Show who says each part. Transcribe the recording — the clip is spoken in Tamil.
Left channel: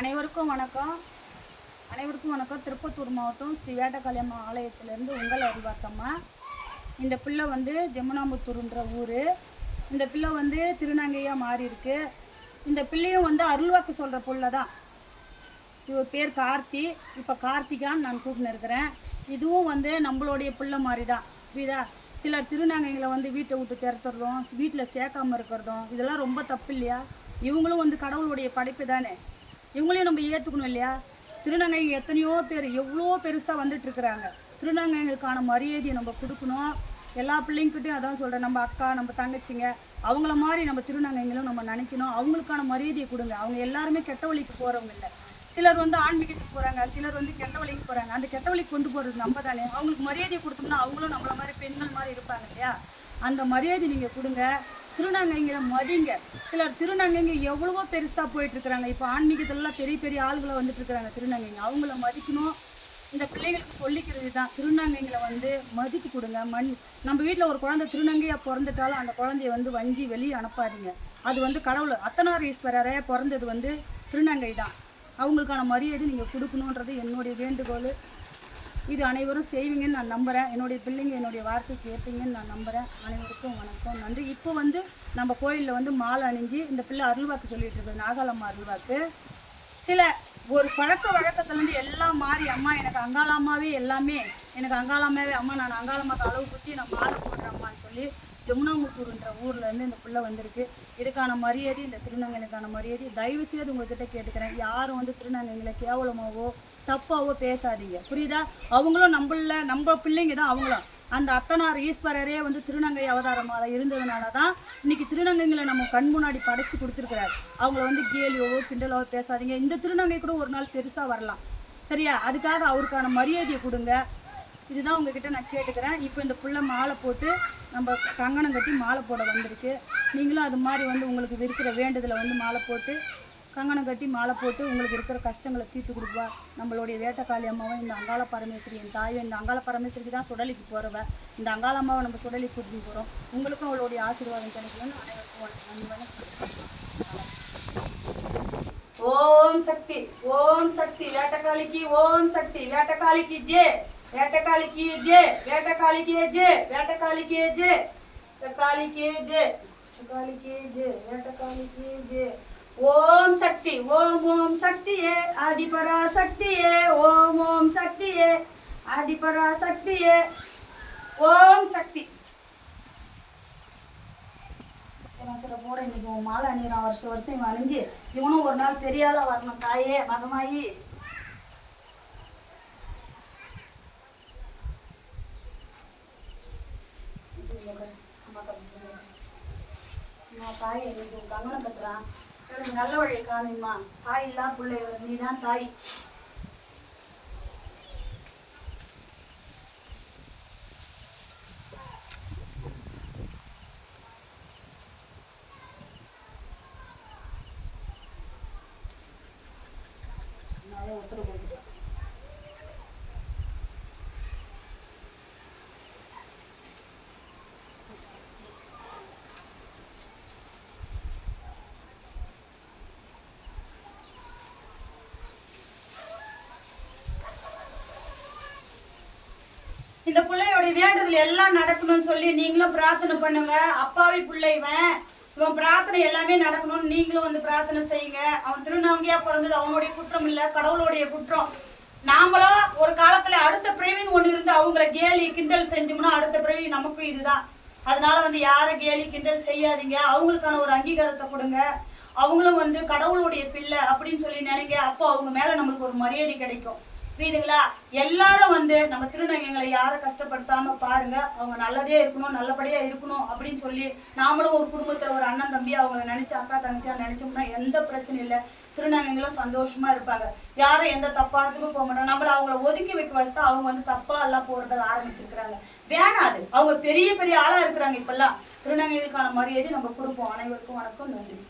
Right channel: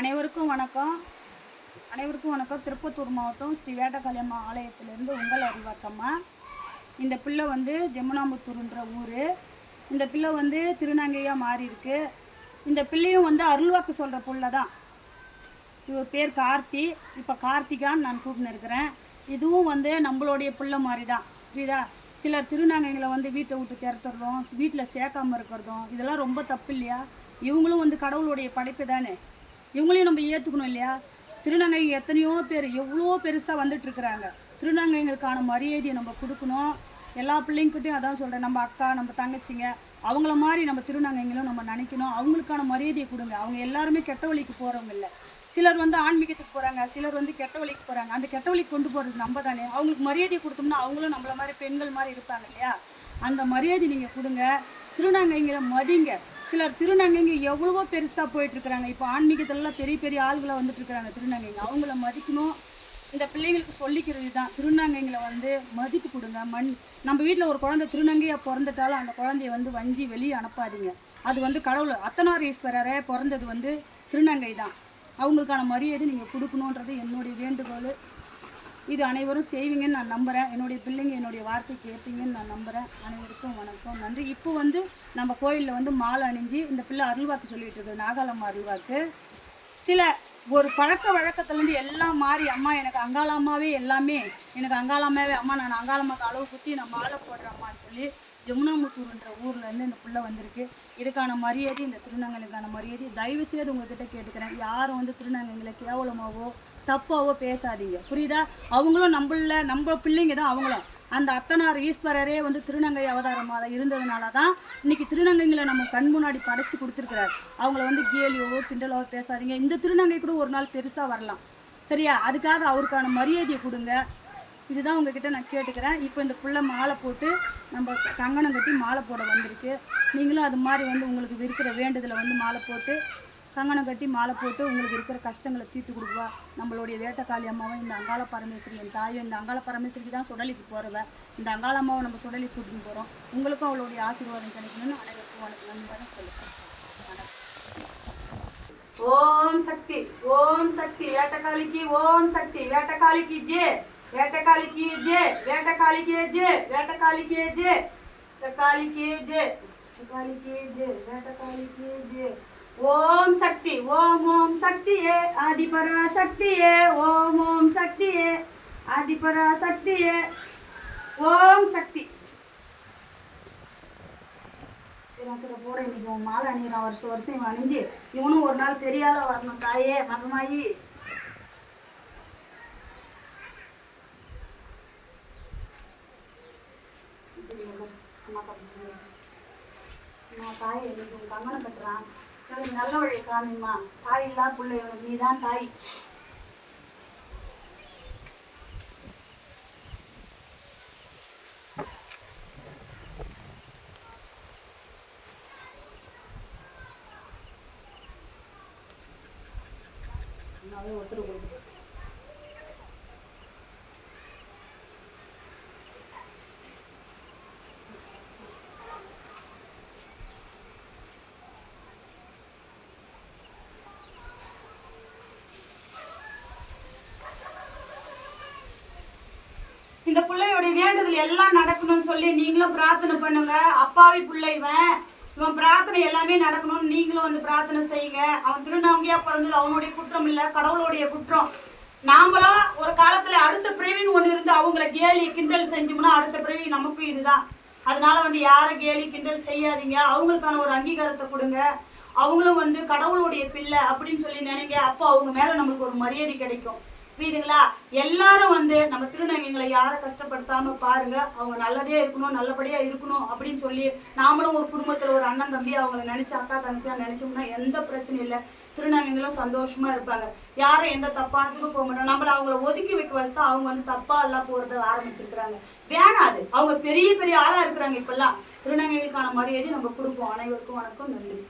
Speaker 1: அனைவருக்கும் வணக்கம். அனைவருக்கும் வணக்கம். திருப்பத்தூர் மாவட்டம் ஸ்ரீ வேட்டக்காளியம்மா ஆலயத்திலேருந்து உங்கள் அறிவாக்கம்மா இந்த பிள்ளை வந்து ஜமுனாம்புத்தூர்ன்ற ஊர். இந்த பிள்ளை வந்து திருநங்கையாக மாறி இருக்கு இந்த பிள்ளையும் வந்து அருள்வாக்கு சொல்கிற பிள்ளை தான் இவர் பேர் கார்த்தி. இப்போ கார்த்திகான்னு நான் கூப்பிட்டு இருக்கிறேன். இதுவும் வந்து நம்மளுடைய பிள்ளை மாதிரி தான் புரியுதா? சிலர் திருநங்கைகளை வந்து வீட்டை விட்டு திறத்துறதும் வீட்டில் சேர்க்காம இருக்கிறதும் இதெல்லாம் ரொம்ப தப்பு இல்லையா? இவங்களும் வந்து கடவுளுடைய படைப்பு தானே இவங்களையும் நம்ம ஏற்றுக்கணும் இல்லையா? திருநங்கை எத்தனையோ பேர் எவ்வளோ பெருசாக வந்துட்டுருக்குறாங்க திருநங்கைங்களுக்கான மரியாதையை நம்ம கொடுக்கணும். எல்லா பிள்ளைங்கிட்டையும் அதான் சொல்கிறேன் நம்ம அக்கா நம்ம தங்கச்சிங்க அவங்கள மாதிரி நம்ம திருநங்கைங்களும் நம்ம நினைக்கணும். அவங்களுக்கான மரியாதையை கொடுங்க. அவங்க எல்லாருமே கெட்ட வழிக்கு போகிறவங்க இல்லை. சிலர் வந்து ஆன்மீகத்துக்கு போகிறாங்க சிலர் வந்து கெட்ட வழிக்கு போகிறாங்க அந்த கெட்ட வழிக்கு கொண்டு போகிறது நம்ம தானே. அவங்களுக்கு மரியாதையை கொடுத்தோம்னா அவங்களும் நம்மள மாதிரி பெண்கள் மாதிரி இருப்பாங்க இல்லையா? அந்த மரியாதை நீங்கள் கொடுங்க. திருநங்கைங்களை மதிங்க. சிலர் திருநங்கைங்க எவ்வளவோ பெருசாக போயிட்டு இருக்கிறாங்க இப்போ ஆன்மீகத்துலலாம் பெரிய பெரிய ஆளுகளை வந்துட்டு இருக்கிறாங்க திருநங்கைங்க. அவங்கள மதிக்கணும். இந்த பிள்ளைங்களுக்கு சொல்லிக்கிறது தான் திருநங்கைங்களை வந்து மதிப்பு கொடுங்க. மண் நம்ம வீட்டில் ஒரு குழந்தை திருநங்கையாக பிறந்துட்டாலும் அந்த குழந்தைய வந்து வஞ்சி வெளியே அனுப்பாதீங்க. அது வந்து கடவுள் அத்தனாரீஸ்வரரே பிறந்தது வந்து திருநங்கை தான் அவங்களுக்கான மரியாதை நீங்கள் கொடுக்கணுன்றது என்னுடைய வேண்டுகோள். இது அனைவரும் செய்வீங்கன்னு நான் நம்புகிறேன் என்னுடைய பிள்ளைங்க என்னுடைய வார்த்தை கேட்பீங்கன்னு நான் நம்புகிறேன் அனைவருக்கும் வணக்கம். நன்றி. இப்போ வந்து நம்ம கோயிலில் வந்து மாலை அணிஞ்சு இந்த பிள்ளை அருள்வாக்கு சொல்லிட்டு இருக்கு நாகாலம்மா அருள்வாக்கு. சில ஒரு பழக்க வழக்கத்துலேருந்து எல்லாம் மாறி அம்மா எனக்கு அங்காளம்மாவே எல்லாமே. எனக்கு அங்காளம்மாவே. அம்மா நான் அங்காளம்மாக்கு அளவு குத்தி நான் மாலை போடுறேம்மான்னு சொல்லி ஜமுனாமுத்தூர்ன்ற ஊர்லேருந்து இந்த பிள்ளை வந்திருக்கு. இதுக்கான மரியாதை இந்த திருநங்கைகளுக்கான மரியாதை. தயவு செய்து உங்ககிட்ட கேட்டுக்கிறேன். யாரும் வந்து திருநங்கைகளை கேவலமாகவோ தப்பாவோ பேசாதீங்க. புரியுதா? அவங்களும் நம்மள நம்ம பிள்ளைங்க தான் அவங்களும். அந்த அத்தனார் ஈஸ்வரரே வந்து திருநங்கை அவதாரமாக இருந்ததுனால தான் இன்னைக்கு திருநங்கைங்களை நம்ம கண் முன்னாடி படைச்சு கொடுத்துருக்கிறார். அவங்கள வந்து கேலியோவோ கிண்டலோ பேசாதீங்க. இந்த திருநங்கை கூட ஒரு நாள் பெருசாக வரலாம். சரியா? அதுக்காக அவருக்கான மரியாதையை கொடுங்க. இதுதான் உங்ககிட்ட நான் கேட்டுக்கிறேன். இப்போ இந்த புள்ள மாலை போட்டு நம்ம கங்கணம் கட்டி மாலை போட வந்திருக்கு. நீங்களும் அது மாதிரி வந்து உங்களுக்கு இருக்கிற வேண்டுதலை வந்து மாலை போட்டு கங்கணம் கட்டி மாலை போட்டு உங்களுக்கு இருக்கிற கஷ்டங்களை தீர்த்து கொடுப்பா நம்மளுடைய வேட்டக்காளி அம்மாவும் இந்த அங்காள பரமேஸ்வரி என் தாயும் இந்த அங்காள பரமேஸ்வரிக்கு தான் சுடலிக்கு போகிறவங்க இந்த அங்காள அம்மாவை நம்ம சுடலிக்கு கூட்டிட்டு போகிறோம் உங்களுக்கும் அவளுடைய ஆசீர்வாதம் கிடைக்கணும்னு அனைவருக்கும் வணக்கம். நண்பனை சொல்லுங்கள் ஓம் சக்தி ஓம் சக்தி வேட்டக்காளிக்கு ஓம் சக்தி வேட்டக்காளிக்கு ஜே வேட்டக்காளிக்கு ஜே வேட்டக்காளிக்கு ஜே வேட்டக்காளிக்கு ஜே வேட்டக்காளிக்கு ஜே வேட்டக்காளிக்கு ஜே வேட்டக்காளிக்கு ஜே. ஓம் சக்தி ஓம் ஓம் சக்தியே ஆதிபரா சக்தியே ஓம் ஓம் சக்தியே ஆதிபரா சக்தியே ஓம் சக்தி. போட இன்னைக்கு மாலை அணிகிறான் வருஷம் வருஷம் இவன் அணிஞ்சு இவனும் ஒரு நாள் பெரிய வரணும் தாயே மகமாயி. அம்மா தாய் எதுக்கு கங்கணம் கட்டுறான். எனக்கு நல்ல வழியை காமிம்மா தாய் இல்லா பிள்ளை நீ தான் தாய். இந்த பிள்ளையோட வேண்டுதல் எல்லாம் நடக்கணும்னு சொல்லி நீங்களும் பிரார்த்தனை பண்ணுங்க. அப்பாவி பிள்ளை இவன். இவன் பிரார்த்தனை எல்லாமே நடக்கணும்னு நீங்களும் வந்து பிரார்த்தனை செய்யுங்க. அவன் திருநங்கையா பிறந்தது அவனுடைய குற்றம் இல்ல கடவுளுடைய குற்றம். நாமளும் ஒரு காலத்துல அடுத்த பிரிவின் ஒண்ணு இருந்து அவங்கள கேலி கிண்டல் செஞ்சோம்னா அடுத்த பிறவி நமக்கும் இதுதான். அதனால வந்து யாரை கேலி கிண்டல் செய்யாதீங்க. அவங்களுக்கான ஒரு அங்கீகாரத்தை கொடுங்க. அவங்களும் வந்து கடவுளுடைய பிள்ளை அப்படின்னு சொல்லி நினைங்க. அப்போ அவங்க மேல நமக்கு ஒரு மரியாதை கிடைக்கும். புரியுதுங்களா? எல்லாரும் வந்து நம்ம திருநங்கைகளை யாரை கஷ்டப்படுத்தாம பாருங்க. அவங்க நல்லதே இருக்கணும் நல்லபடியா இருக்கணும் அப்படின்னு சொல்லி நாமளும் ஒரு குடும்பத்துல ஒரு அண்ணன் தம்பி அவங்கள நினைச்சு அக்கா தங்கச்சியா நினைச்சோம்னா எந்த பிரச்சனையும் இல்லை. திருநங்கைகளும் சந்தோஷமா இருப்பாங்க. யாரும் எந்த தப்பானதுக்கும் போக மாட்டோம். நம்மள அவங்கள ஒதுக்கி வைக்க வச்சு அவங்க வந்து தப்பா எல்லாம் போறத ஆரம்பிச்சிருக்கிறாங்க. வேணாது அவங்க பெரிய பெரிய ஆளா இருக்கிறாங்க இப்பெல்லாம். திருநங்கைகளுக்கான மரியாதை நம்ம கொடுப்போம். அனைவருக்கும் வணக்கம். நன்றி.